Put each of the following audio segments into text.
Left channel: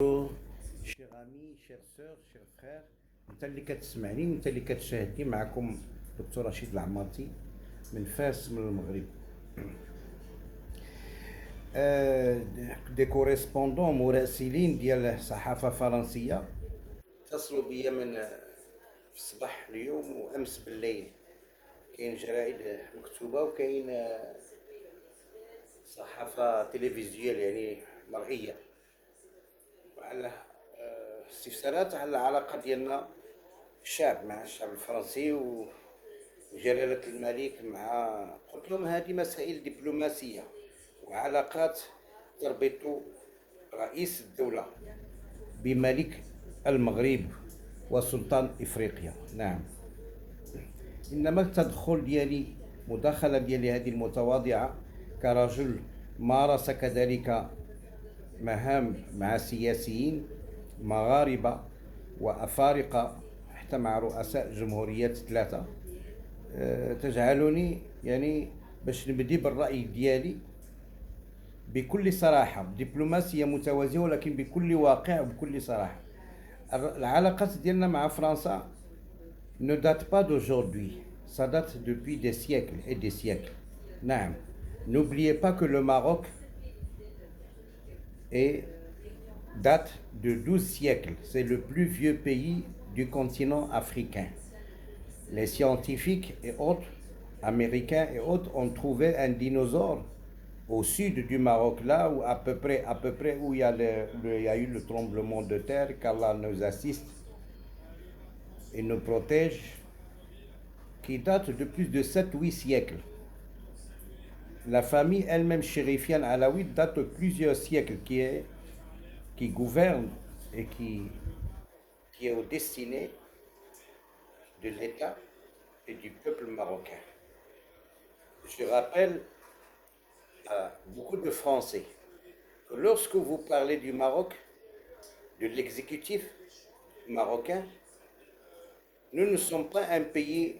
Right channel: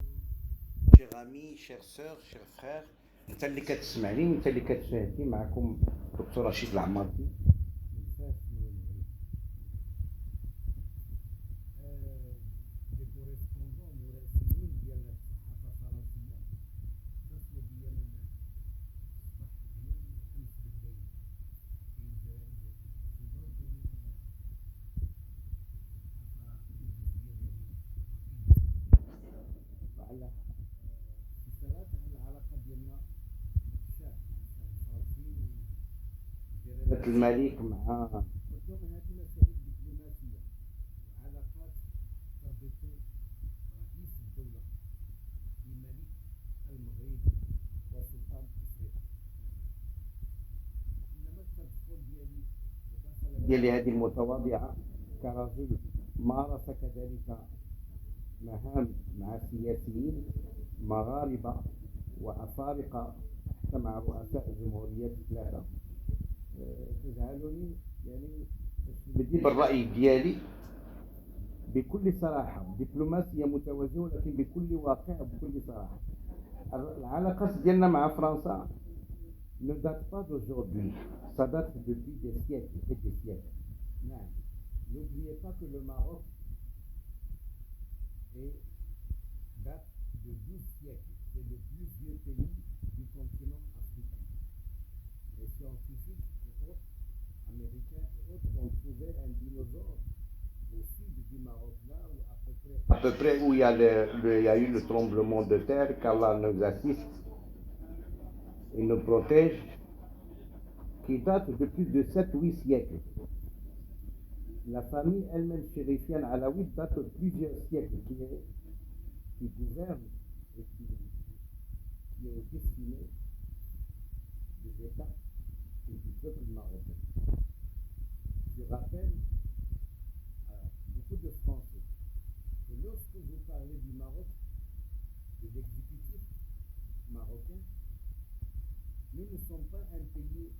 Chers amis, chères sœurs, chers frères, انت اللي كتسمعني انت اللي كتشاهدني معكم دكتور رشيد العمارتي من فاس من المغرب. دي كوريسبوندون مراسلين ديال الصحافه الفرنسيه اتصلوا بيا من في الصباح اليوم وامس بالليل. كاين جرائد مكتوبه وكاين صحافه تلفزيونيه يعني مرئيه وعلى استفسارات على العلاقه ديالنا الشعب مع الشعب الفرنسي وجلالة الملك مع. قلت لهم هذه مسائل دبلوماسية وعلاقات تربط رئيس الدولة بملك المغرب وسلطان إفريقيا. نعم، إنما التدخل ديالي مداخلة ديالي هذه المتواضعة كرجل مارس كذلك مهام مع سياسيين مغاربة وأفارقة حتى مع رؤساء جمهوريات ثلاثة، تجعلني يعني باش نبدي بالرأي ديالي بكل صراحة، بدبلوماسية متوازية ولكن بكل واقع وبكل صراحة. العلاقات ديالنا مع فرنسا ne date pas d'aujourd'hui, ça date depuis des siècles et des siècles. نعم، n'oubliez pas que le Maroc date de 12 siècles. C'est le plus vieux pays du continent africain. Les scientifiques et autres, américains et autres, ont trouvé un dinosaure au sud du Maroc, là où à peu près où il y a eu le tremblement de terre, qu'Allah nous assiste et nous protège, qui date de plus de 7-8 siècles. La famille elle-même chérifienne alaouite date de plusieurs siècles, qui gouverne et qui est au destiné de l'État et du peuple marocain. Je rappelle à beaucoup de Français que lorsque vous parlez du Maroc, de l'exécutif marocain, nous ne sommes pas un pays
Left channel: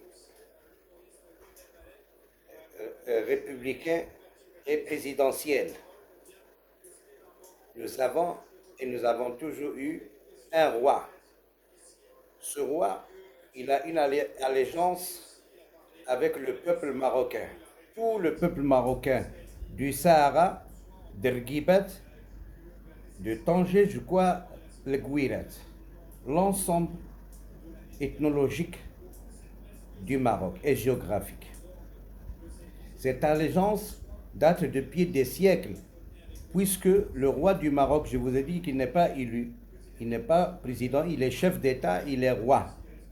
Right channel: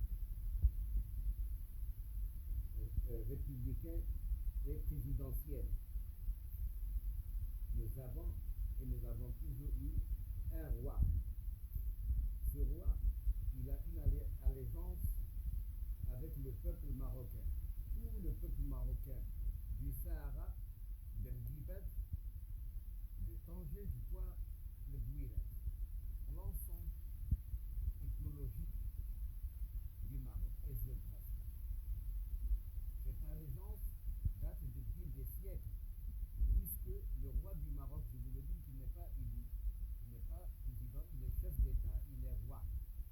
républicain et présidentiel. Nous avons toujours eu un roi. Ce roi, il a une allégeance avec le peuple marocain. Tout le peuple marocain, du Sahara, d'Erguibat, de Tanger jusqu'à le Gouiret, l'ensemble ethnologique du Maroc et géographique. Cette allégeance date depuis des siècles, puisque le roi du Maroc, je vous ai dit qu'il n'est pas élu, il n'est pas président, il est chef d'État, il est roi,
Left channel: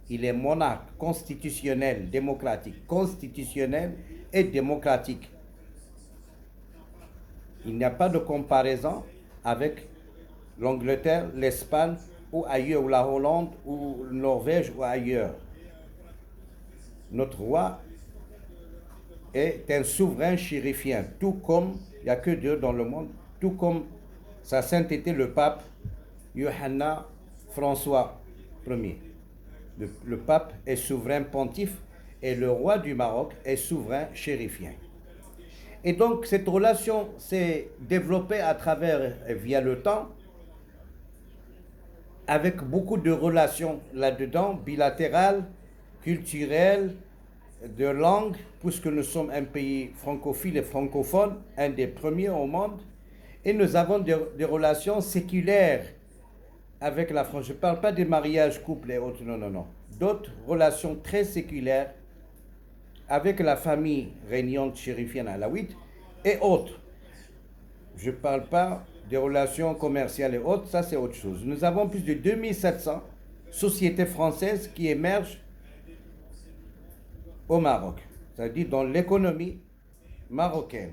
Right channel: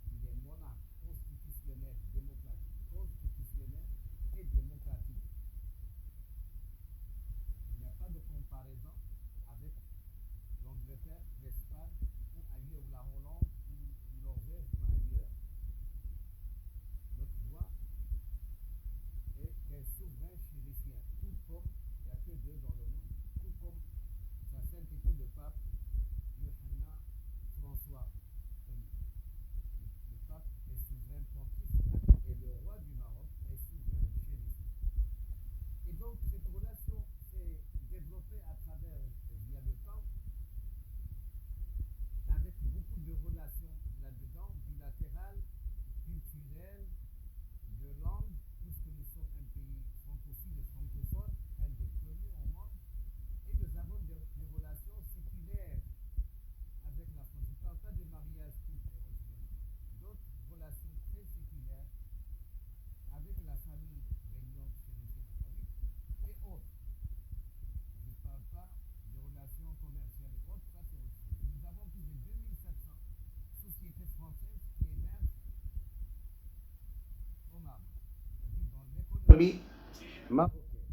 il est monarque constitutionnel, démocratique, constitutionnel et démocratique. Il n'y a pas de comparaison avec l'Angleterre, l'Espagne ou ailleurs, ou la Hollande ou la Norvège ou ailleurs. Notre roi est un souverain chérifien, tout comme il n'y a que Dieu dans le monde, tout comme sa sainteté le pape Johanna François Ier. Le pape est souverain pontife et le roi du Maroc est souverain chérifien. Et donc cette relation s'est développée via le temps, avec beaucoup de relations là-dedans, bilatérales, culturelles, de langue, puisque nous sommes un pays francophile et francophone, un des premiers au monde, et nous avons des relations séculaires avec la France. Je ne parle pas des mariages, couples et autres, non. D'autres relations très séculaires avec la famille régnante chérifienne alaouite et autres. Je ne parle pas des relations commerciales et autres, ça c'est autre chose. Nous avons plus de 2700 sociétés françaises qui émergent au Maroc, c'est-à-dire dans l'économie marocaine,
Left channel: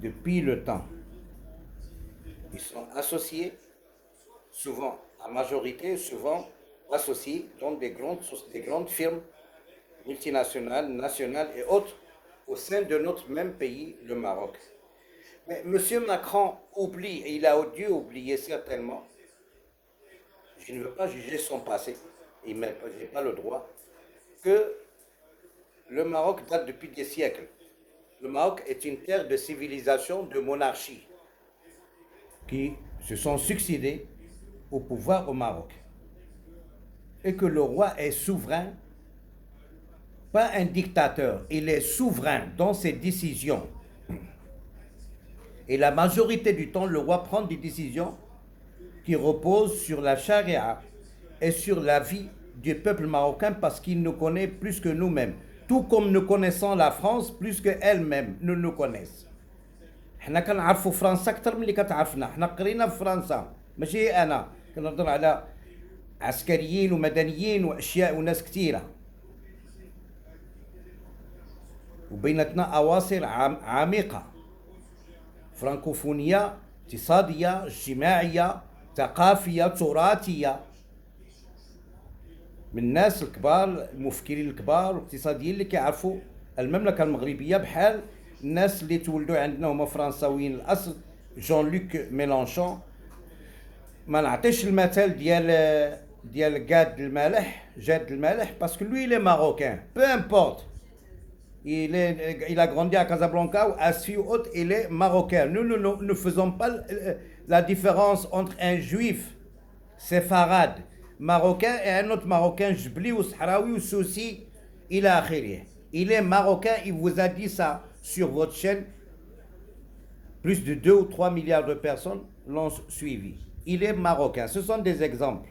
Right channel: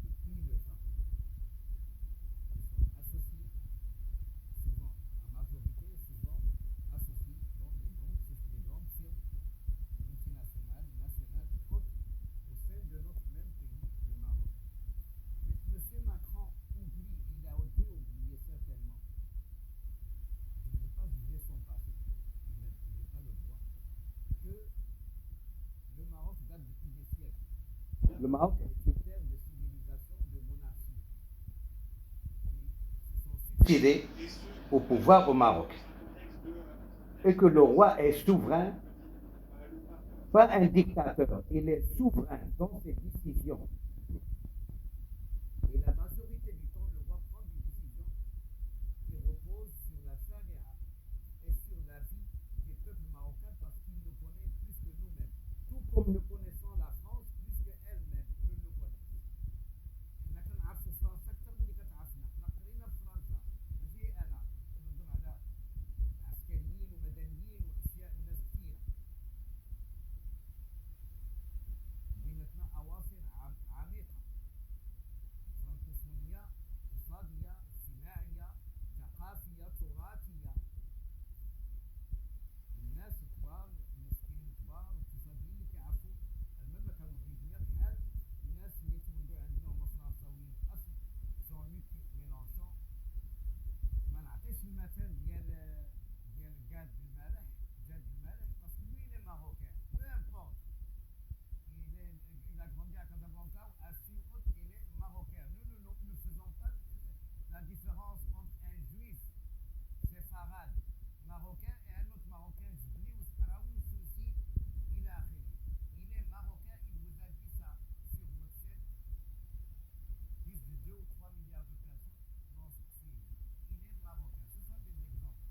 depuis le temps. Ils sont associés, souvent, à majorité, souvent associés dans des grandes firmes multinationales, nationales et autres, au sein de notre même pays, le Maroc. Mais M. Macron oublie, et il a dû oublier certainement, je ne veux pas juger son passé, je n'ai pas le droit, que le Maroc date depuis des siècles. Le Maroc est une terre de civilisation, de monarchie, qui se sont succédés au pouvoir au Maroc. Et que le roi est souverain, pas un dictateur, il est souverain dans ses décisions. Et la majorité du temps, le roi prend des décisions qui reposent sur la charia et sur la vie du peuple marocain parce qu'il nous connaît plus que nous-mêmes. Tout comme nous connaissons la France plus qu'elle-même nous connaissent. حنا كنعرفوا فرنسا اكثر من اللي كتعرفنا، حنا قرينا في فرنسا، ماشي انا كنهضر على عسكريين ومدنيين واشياء وناس كثيره. وبيناتنا اواصر عميقه، فرانكوفونيه، اقتصاديه، اجتماعيه، ثقافيه، تراثيه، من الناس الكبار المفكرين الكبار والاقتصاديين اللي كيعرفوا المملكه المغربيه بحال الناس اللي تولدوا عندنا هما فرنساويين الاصل. جون لوك ميلانشون، ما نعطيش المثال ديال جاد المالح باسكو لوي لي ماروكان بو امبورت. Il a grandi à Casablanca ou à Sfi ou autre, il est marocain. Nous ne faisons pas la différence entre un juif séfarade marocain et un autre marocain jbli ou sahraoui ou soussi, il a akhiri. Il est marocain, il vous a dit ça sur votre chaîne. Plus de 2 ou 3 milliards de personnes l'ont suivi. Il est marocain. Ce sont des exemples.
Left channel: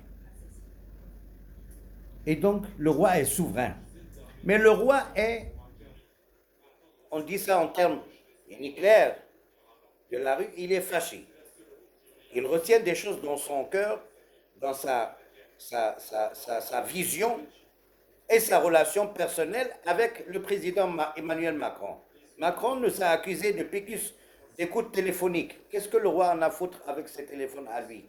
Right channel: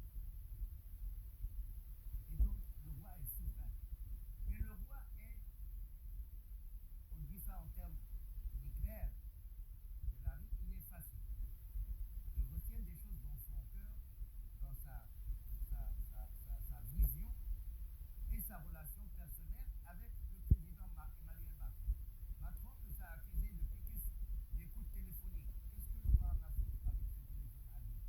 Et donc, le roi est souverain. Mais le roi est, on dit ça en termes clairs de la rue, il est fâché. Il retient des choses dans son cœur, dans sa vision et sa relation personnelle avec le président Emmanuel Macron. Macron nous a accusés de pécus d'écoute téléphonique. Qu'est-ce que le roi en a à foutre avec ses téléphones à lui?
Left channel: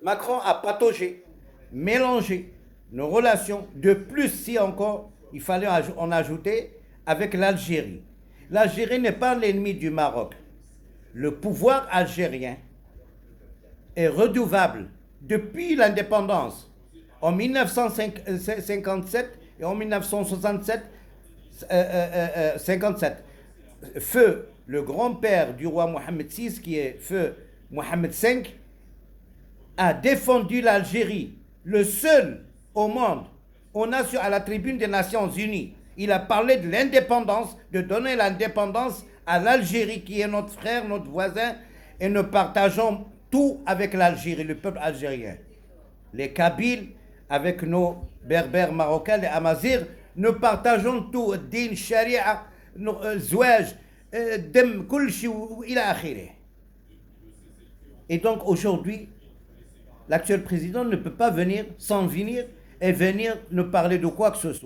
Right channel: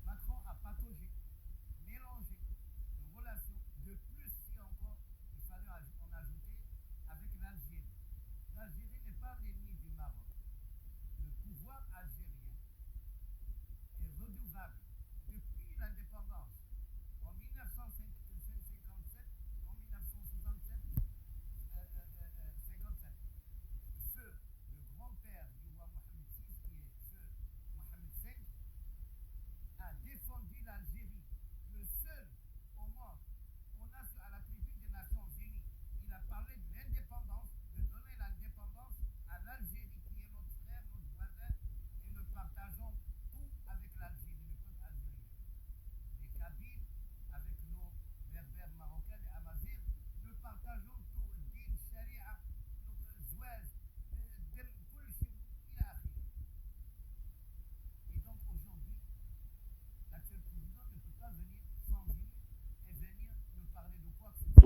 Macron a pataugé, mélangé nos relations. De plus, si encore, il fallait en ajouter avec l'Algérie. L'Algérie n'est pas l'ennemi du Maroc. Le pouvoir algérien est redevable depuis l'indépendance en 1957 et en 1967, 57. Feu le grand-père du roi Mohamed VI, qui est feu Mohamed V, a défendu l'Algérie, le seul au monde, à la tribune des Nations Unies. Il a parlé de l'indépendance, de donner l'indépendance à l'Algérie, qui est notre frère, notre voisin, et nous partageons tout avec l'Algérie, le peuple algérien. Les Kabyles, avec nos berbères marocains, les Amazirs, nous partageons tout, din, sharia, zouaj, dem, kulchi, ila akhirih. Et donc aujourd'hui, l'actuel président ne peut pas venir, s'en venir et venir nous parler de quoi que ce soit.